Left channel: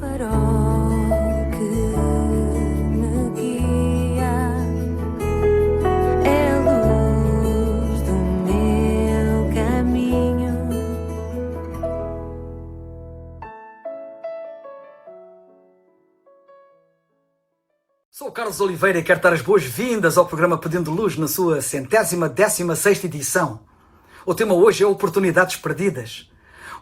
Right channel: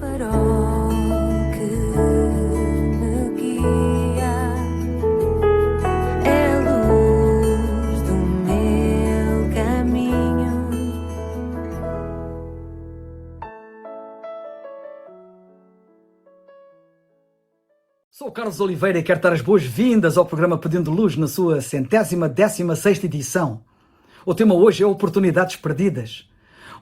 farol que me guia, é a luz do meu caminho. Sou o Carlos Oliveira e quero dar as boas-vindas ao programa Pedindo Luz na sua 116ª edição. O tema hoje é oportunidades perdidas.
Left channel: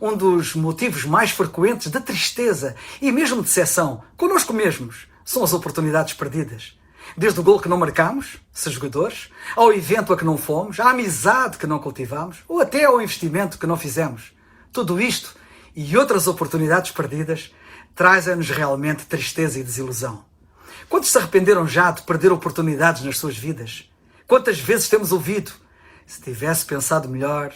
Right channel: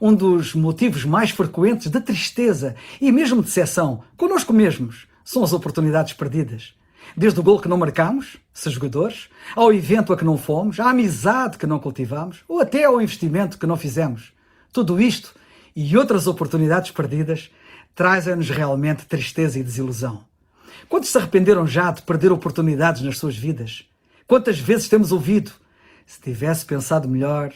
Um dos motivos mais frequentes de tristeza e mesmo de decepção, connosco mesmos, são as oportunidades perdidas. Desde o golo que não marcamos, se jogadores, ao evento a que não fomos, à amizade que não cultivamos, ou até ao investimento que não fizemos. Tudo isto e outras oportunidades perdidas trazem-nos realmente tristeza e desilusão. Quantos se arrependeram já de perder oportunidades nas suas vidas? Quantas vezes temos ouvido? Se tivesse pensado melhor.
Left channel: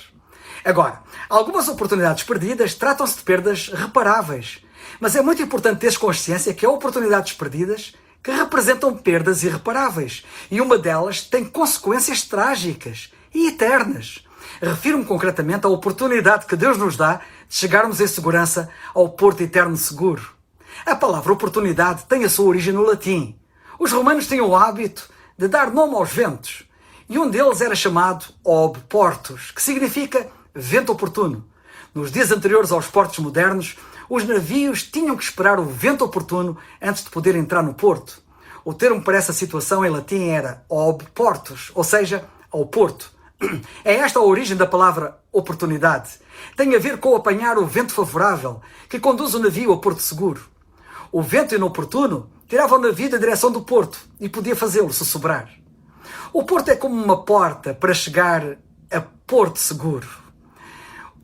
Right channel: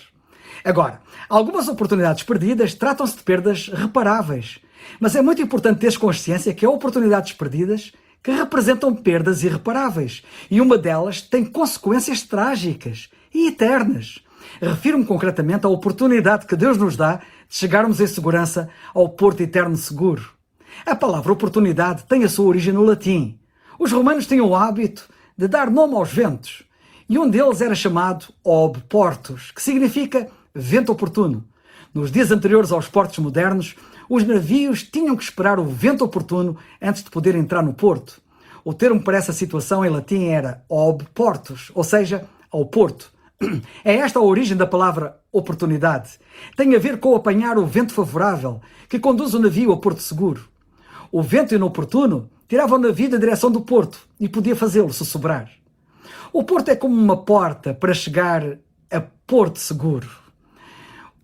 Agora, algumas oportunidades perdidas tratam-se de perdas reparáveis. Mas é muito importante ter consciência que há oportunidades perdidas que representam perdas irreparáveis. E uma delas tem consequências trágicas e eternas. Refiro-me concretamente à oportunidade que Deus nos dá de chegarmos em segurança ao porto eterno seguro. A palavra oportunidade tem a sua origem no latim. Os romanos tinham o hábito de dar nome aos ventos. E um deles era chamado ob portus, que significa vento oportuno. Nos dias anteriores aos portos modernos, os navios tinham que esperar o vento oportuno antes de poder entrar no porto. O termo para essa situação em latim era ob portus, ou seja, ao porto. É esta a origem da palavra oportunidade. Tem a ver com apanhar o vento favorável, que conduz o navio a porto seguro. O vento inoportuno tirava o navio da direção do porto e podia fazê-lo se sobrar. O porto é como uma porta para chegar a porto seguro.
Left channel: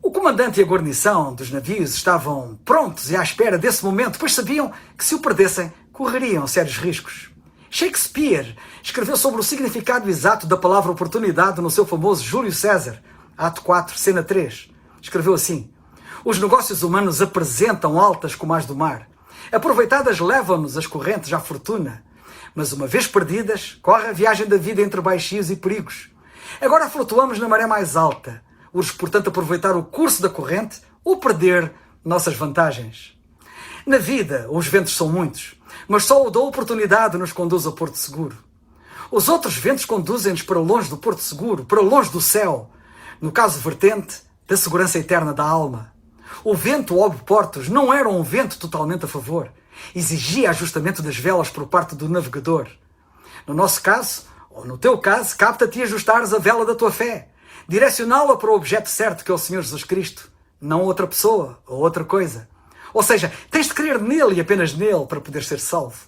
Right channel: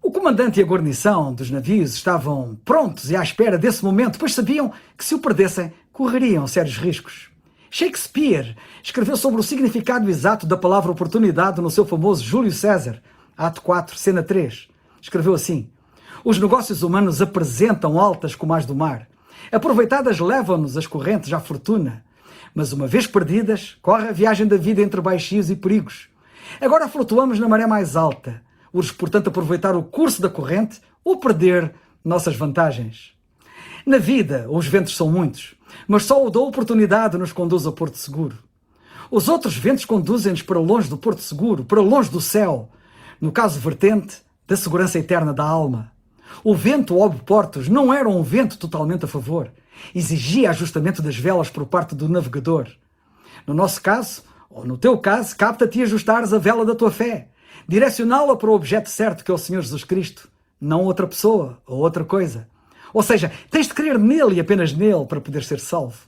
O comandante e a guarnição dos navios estavam prontos e à espera desse momento, pois sabiam que se o perdessem, correriam sérios riscos. Shakespeare escreveu sobre o significado exato da palavra oportunidade no seu famoso Júlio César, Ato 4, Cena 3. Escreveu assim: os negócios humanos apresentam altas como as do mar. Aproveitadas levam-nos as correntes à fortuna. Mas uma vez perdidas, corre a viagem da vida entre baixios e perigos. Agora flutuamos na maré mais alta. Urge, portanto, aproveitar o curso da corrente ou perder nossas vantagens. Na vida, os ventos são muitos, mas só o da oportunidade nos conduz a porto seguro. Os outros ventos conduzem-nos para longe do porto seguro, para longe do céu, no caso vertente da segurança eterna da alma. O vento ob portus não era um vento totalmente a favor. Exigia ajustamento das velas por parte do navegador. No nosso caso, ou no teu caso, capta-te a ajustares a vela da tua fé, direcioná-la para o objeto certo que é o Senhor Jesus Cristo, não outra pessoa ou outra coisa. Ou seja, tens de crer nele e apenas nele para poder ser salvo.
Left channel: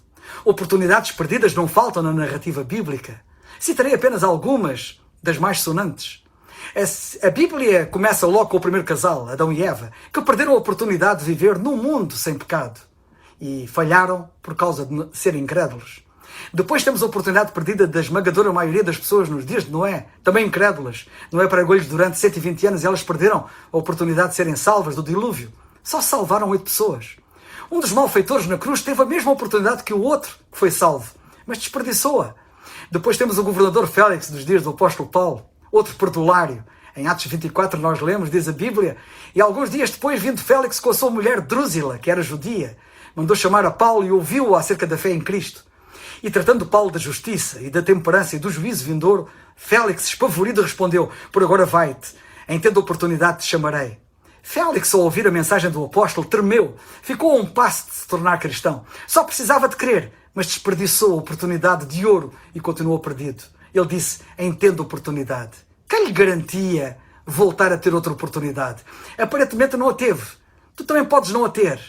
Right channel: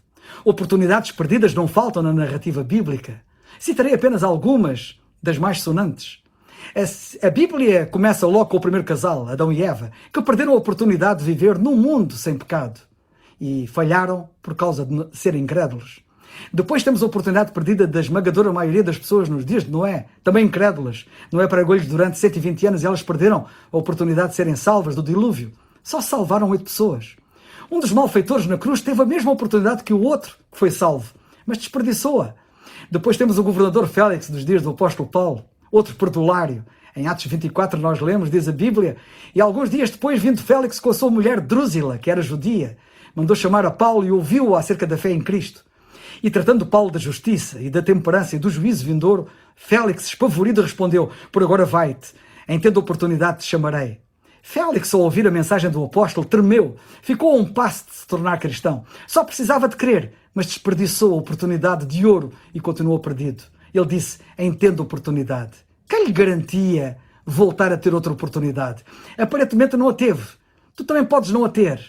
Oportunidades perdidas não faltam na narrativa bíblica. Citarei apenas algumas das mais sonantes. A Bíblia começa logo com o primeiro casal, Adão e Eva, que perderam a oportunidade de viver num mundo sem pecado. E falharam por causa de serem incrédulos. Depois temos a oportunidade perdida da esmagadora maioria das pessoas nos dias de Noé, também incrédulas. Noé pregou-lhes durante 120 anos e elas perderam a oportunidade de serem salvas do dilúvio. Só salvaram 8 pessoas. Um dos malfeitores na cruz teve a mesma oportunidade que o outro que foi salvo, mas desperdiçou-a. Depois temos o governador Félix dos dias do apóstolo Paulo, outro perdulário. Em Atos 24 nós lemos, diz a Bíblia, e alguns dias depois, vindo Félix com a sua mulher Drúzila, que era judia, mandou chamar a Paulo e ouviu-o acerca da fé em Cristo. E tratando Paulo da justiça e da temperança e do juízo vindouro, Félix, espavorido, respondeu: por agora vai-te, em tendo oportunidade te chamarei. Félix, ao ouvir a mensagem do apóstolo, tremeu, ficou a um passo de se tornar cristão. Só precisava de crer, mas desperdiçou a oportunidade de ouro e continuou perdido. Ele disse: em tendo oportunidade. Quem lhe garantia voltar a ter outra oportunidade? Aparentemente não a teve. Tu também podes não a ter.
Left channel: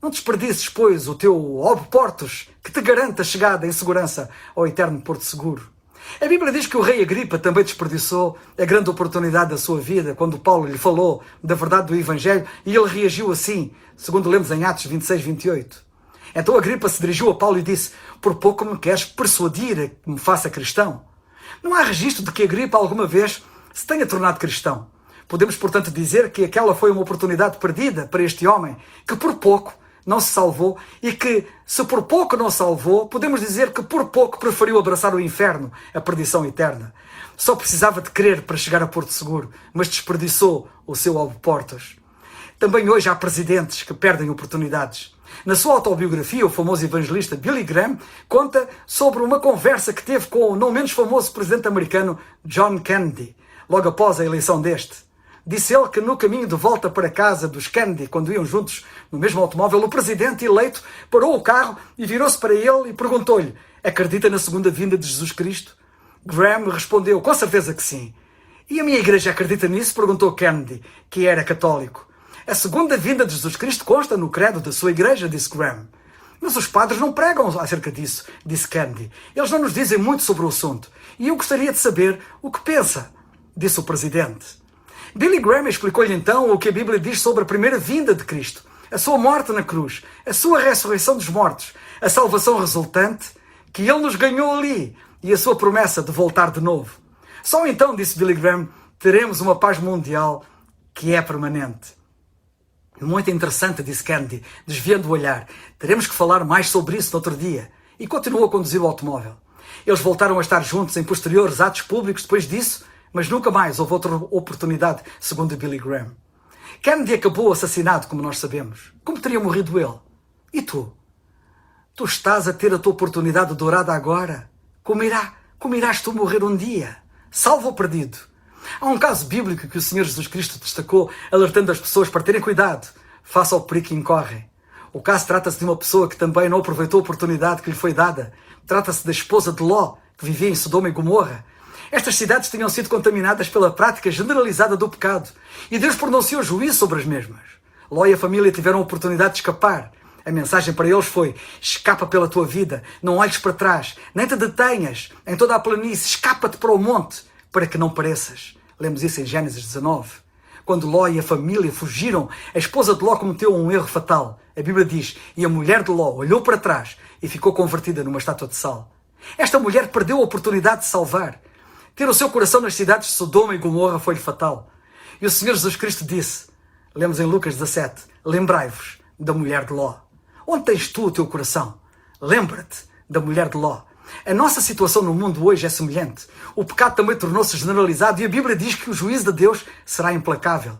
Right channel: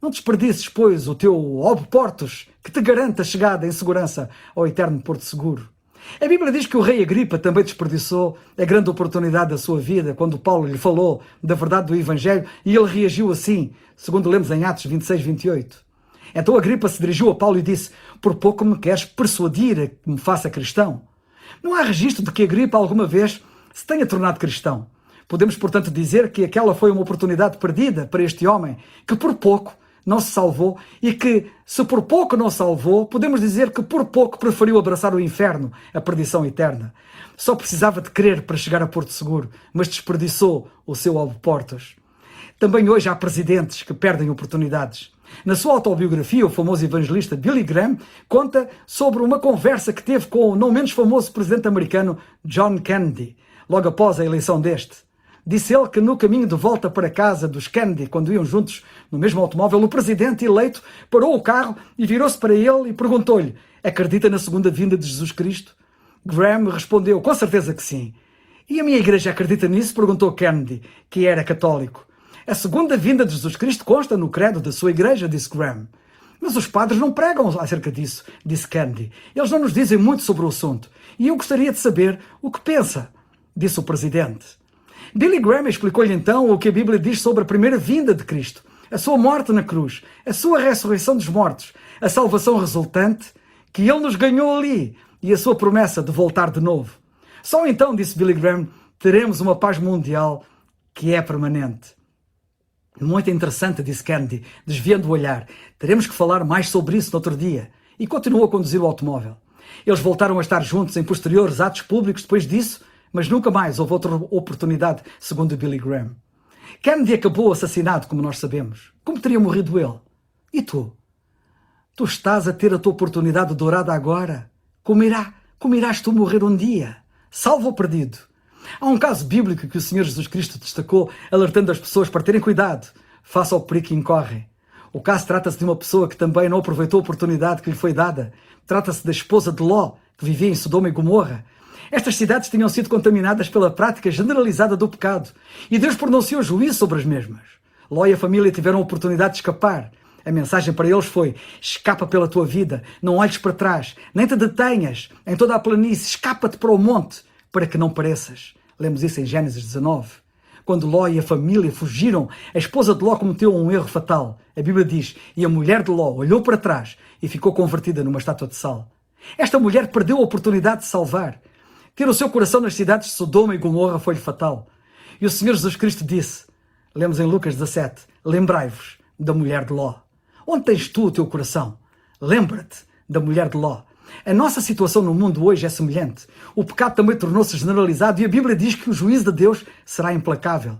Não desperdices, pois, o teu ob portus, que te garante a chegada em segurança ao eterno porto seguro. A Bíblia diz que o rei Agripa também desperdiçou a grande oportunidade da sua vida quando Paulo lhe falou da verdade do Evangelho e ele reagiu assim, segundo lemos em Atos 26, 28. Então Agripa se dirigiu a Paulo e disse: por pouco me queres persuadir a que me faça cristão? Não há registro de que Agripa alguma vez se tenha tornado cristão. Podemos, portanto, dizer que aquela foi uma oportunidade perdida para este homem, que por pouco não se salvou, e que, se por pouco não salvou, podemos dizer que por pouco preferiu abraçar o inferno, a perdição eterna. Só precisava de crer para chegar a Porto Seguro, mas desperdiçou o seu ob portus. Também hoje há presidentes que perdem oportunidades. Na sua autobiografia, o famoso evangelista Billy Graham conta sobre uma conversa que teve com o não menos famoso presidente americano John Kennedy, logo após a eleição deste. Disse ele que no caminho de volta para casa dos Kennedy, quando iam juntos no mesmo automóvel, o presidente eleito parou o carro e virou-se para ele e perguntou-lhe: acredita na segunda vinda de Jesus Cristo? Graham respondeu: com certeza que sim. E a minha igreja acredita nisso? Perguntou Kennedy, que era católico. A segunda vinda de Jesus Cristo consta no credo da sua igreja, disse Graham. Mas os padres não pregam acerca disso, disse Kennedy. Eles não nos dizem muito sobre o assunto. E eu gostaria de saber o que pensa, disse o presidente. Billy Graham explicou-lhe então o que a Bíblia diz sobre a primeira vinda de Cristo, a sua morte na cruz, a sua ressurreição dos mortos, a salvação resultante, que ele nos ganhou ali, e a sua promessa de voltar de novo. Só então, disse Billy Graham, teremos uma paz mundial que é permanente. Muito interessante, disse Kennedy, desviando o olhar. Teremos que falar mais sobre isso no outro dia. E continuou a conduzir o automóvel. Eles voltaram a estar juntos em posteriores atos públicos depois disso, mas nunca mais houve outra oportunidade, segundo Billy Graham. Kennedy acabou assassinado, como nós sabemos. Como teria morrido ele? E tu? Tu estás a ter a tua oportunidade dourada agora? Como irás tu morrer um dia? Salvo ou perdido? Há um caso bíblico que o Senhor Jesus Cristo destacou, alertando as pessoas para terem cuidado, face ao perigo que incorrem. O caso trata-se de uma pessoa que também não aproveitou a oportunidade que lhe foi dada. Trata-se da esposa de Ló, que vivia em Sodoma e Gomorra. Estas cidades tinham sido contaminadas pela prática generalizada do pecado, e Deus pronunciou juízo sobre as mesmas. Ló e a família tiveram a oportunidade de escapar. A mensagem para eles foi: escapa pela tua vida, não olhes para trás, nem te detenhas em toda a planície, escapa-te para o monte, para que não pereças. Lemos isso em Gênesis 19. Quando Ló e a família fugiram, a esposa de Ló cometeu um erro fatal. A Bíblia diz: e a mulher de Ló olhou para trás e ficou convertida numa estátua de sal. Esta mulher perdeu a oportunidade de salvar. Ter o seu coração nas cidades de Sodoma e Gomorra foi-lhe fatal. E o Senhor Jesus Cristo disse, lemos em Lucas 17, lembrai-vos da mulher de Ló. Onde tens tu o teu coração? Lembra-te da mulher de Ló. A nossa situação no mundo hoje é semelhante. O pecado também tornou-se generalizado e a Bíblia diz que o juízo de Deus será implacável.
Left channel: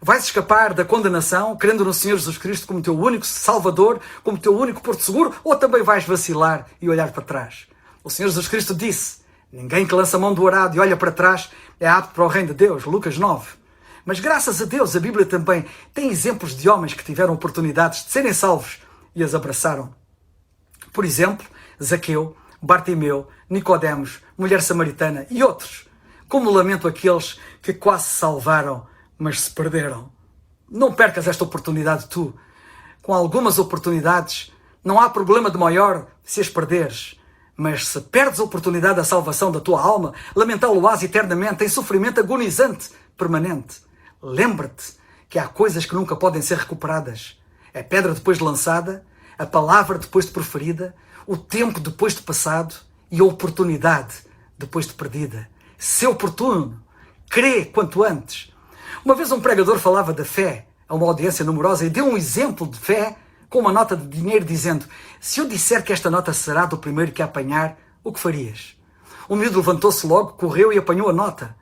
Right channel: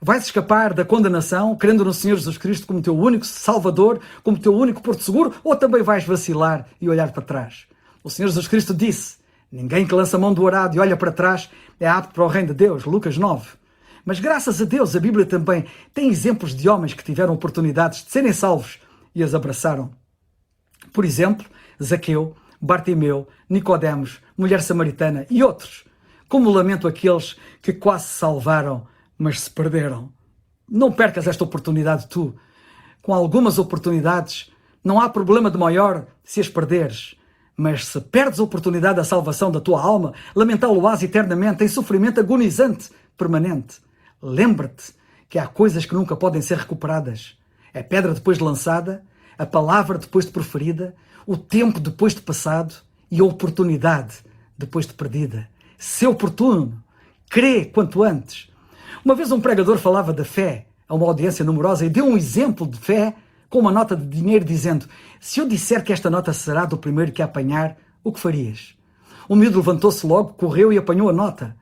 Vais escapar da condenação, crendo no Senhor Jesus Cristo como teu único Salvador, como teu único porto seguro, ou também vais vacilar e olhar para trás? O Senhor Jesus Cristo disse: ninguém que lança a mão do arado e olha para trás é apto para o reino de Deus. Lucas 9. Mas graças a Deus a Bíblia também tem exemplos de homens que tiveram oportunidades de serem salvos e as abraçaram. Por exemplo, Zaqueu, Bartimeu, Nicodemos, mulher samaritana e outros. Como lamento aqueles que quase se salvaram, mas se perderam. Não percas esta oportunidade tu. Com algumas oportunidades, não há problema de maior se as perderes. Mas se perdes a oportunidade da salvação da tua alma, lamentá-lo-ás eternamente em sofrimento agonizante, permanente. Lembra-te que há coisas que nunca podem ser recuperadas. A pedra depois de lançada, a palavra depois de proferida, o tempo depois de passado e a oportunidade depois de perdida. Se oportuno, crê quanto antes. Uma vez um pregador falava da fé a uma audiência numerosa e deu um exemplo de fé com uma nota de dinheiro dizendo: se eu disser que esta nota será do primeiro que a apanhar, o que farias? O miúdo levantou-se logo, correu e apanhou a nota,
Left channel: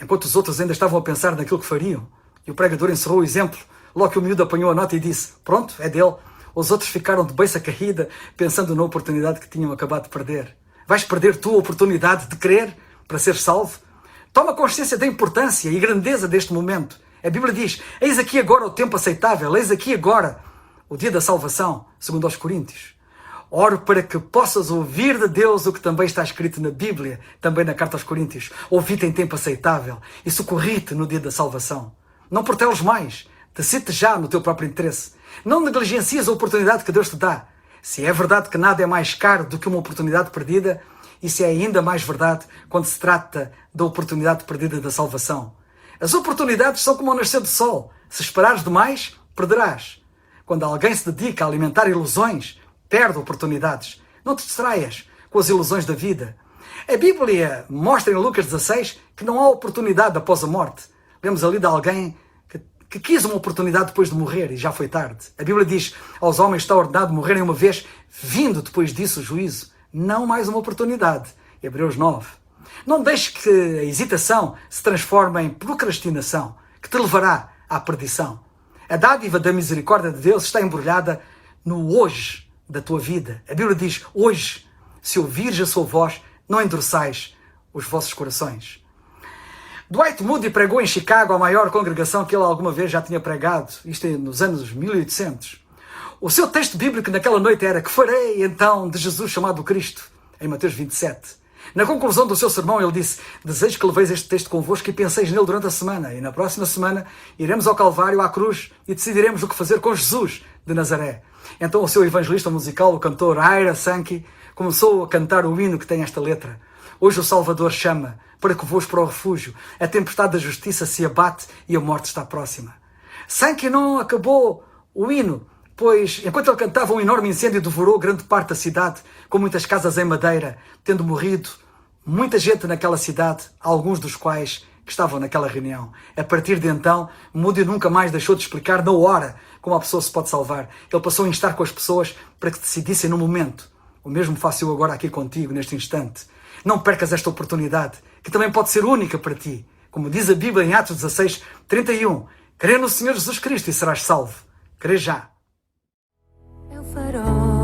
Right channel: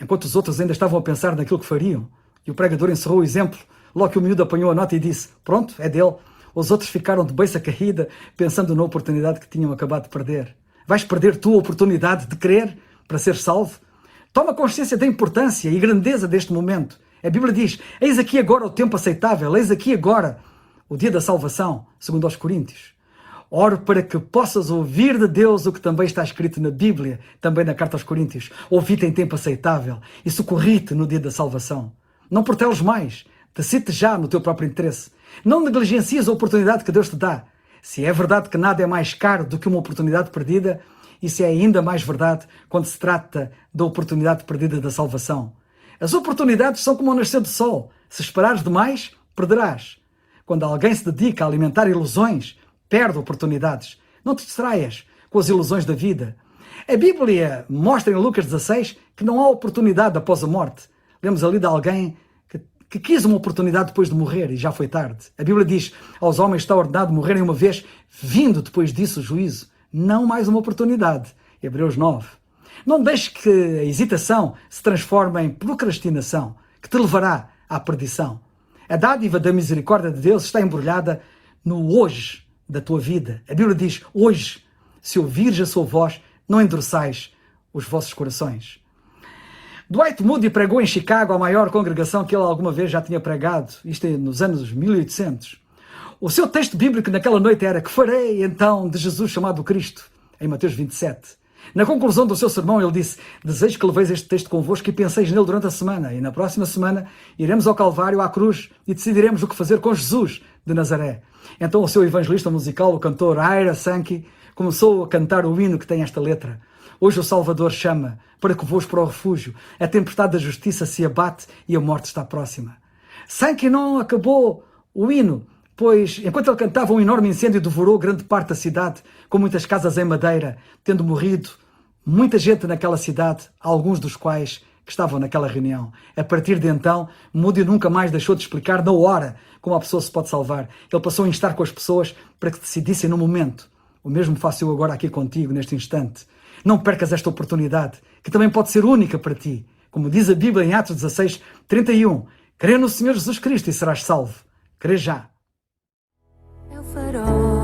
enquanto os outros ainda estavam a pensar naquilo que fariam. E o pregador encerrou o exemplo, logo que o miúdo apanhou a nota e disse: pronto, é dele. Os outros ficaram de beiça caída, pensando na oportunidade que tinham acabado de perder. Vais perder tu a oportunidade de crer para ser salvo? Toma consciência da importância e grandeza deste momento. A Bíblia diz: eis aqui agora o tempo aceitável, eis aqui agora o dia da salvação, segundo aos Coríntios. Oro para que possas ouvir de Deus o que também está escrito na Bíblia, também na carta aos Coríntios. Ouvi-te em tempo aceitável e socorri-te no dia da salvação. Não proteles mais, decide já no teu próprio interesse. Não negligencies a oportunidade que Deus te dá. Se é verdade que nada é mais caro do que uma oportunidade perdida, isso é ainda mais verdade quando se trata da oportunidade perdida da salvação. As oportunidades são como o nascer do sol. Se esperares demais, perderás. Quando alguém se dedica a alimentar ilusões, perde oportunidades. Não te distraias com as ilusões da vida. A Bíblia mostra em Lucas 16 que não há oportunidade após a morte. Lemos ali de alguém que quis uma oportunidade depois de morrer e já foi tarde. A Bíblia diz: aos homens está ordenado morrerem uma vez, vindo depois disso o juízo. Não mais uma oportunidade. Hebreus 9. Não deixes que a hesitação se transforme em procrastinação, que te levará à perdição. A dádiva da misericórdia de Deus está embrulhada no hoje da tua vida. A Bíblia diz, hoje, se ouvires a sua voz, não endureçais os vossos corações. Dwight Moody pregou em Chicago a maior congregação que ele alguma vez já tinha pregado, isto nos anos 1800. O seu texto bíblico naquela noite era: que farei então de Jesus chamado Cristo? Em Mateus 27. Na conclusão do seu sermão ele disse: desejo que leveis este texto convosco e penseis nele durante a semana, e na próxima semana iremos ao Calvário, à cruz, e decidiremos o que fazer com Jesus de Nazaré. Então o seu evangelista musical, o cantor Ira Sankey, começou a cantar o hino que tem esta letra: hoje o Salvador chama para que voes para o refúgio, a tempestade da justiça se abate e a morte está próxima. Sankey não acabou o hino, pois enquanto ele cantava, um enorme incêndio devorou grande parte da cidade, com muitas casas em madeira, tendo morrido muita gente naquela cidade, alguns dos quais que estavam naquela reunião. A partir de então, Moody nunca mais deixou de explicar na hora como a pessoa se pode salvar. Ele passou a instar com as pessoas para que decidissem no momento. O mesmo faço eu agora aqui contigo, neste instante. Não percas esta oportunidade, que também pode ser única para ti. Como diz a Bíblia em Atos 16:31, crê no Senhor Jesus Cristo e serás salvo. Crê já. É o farol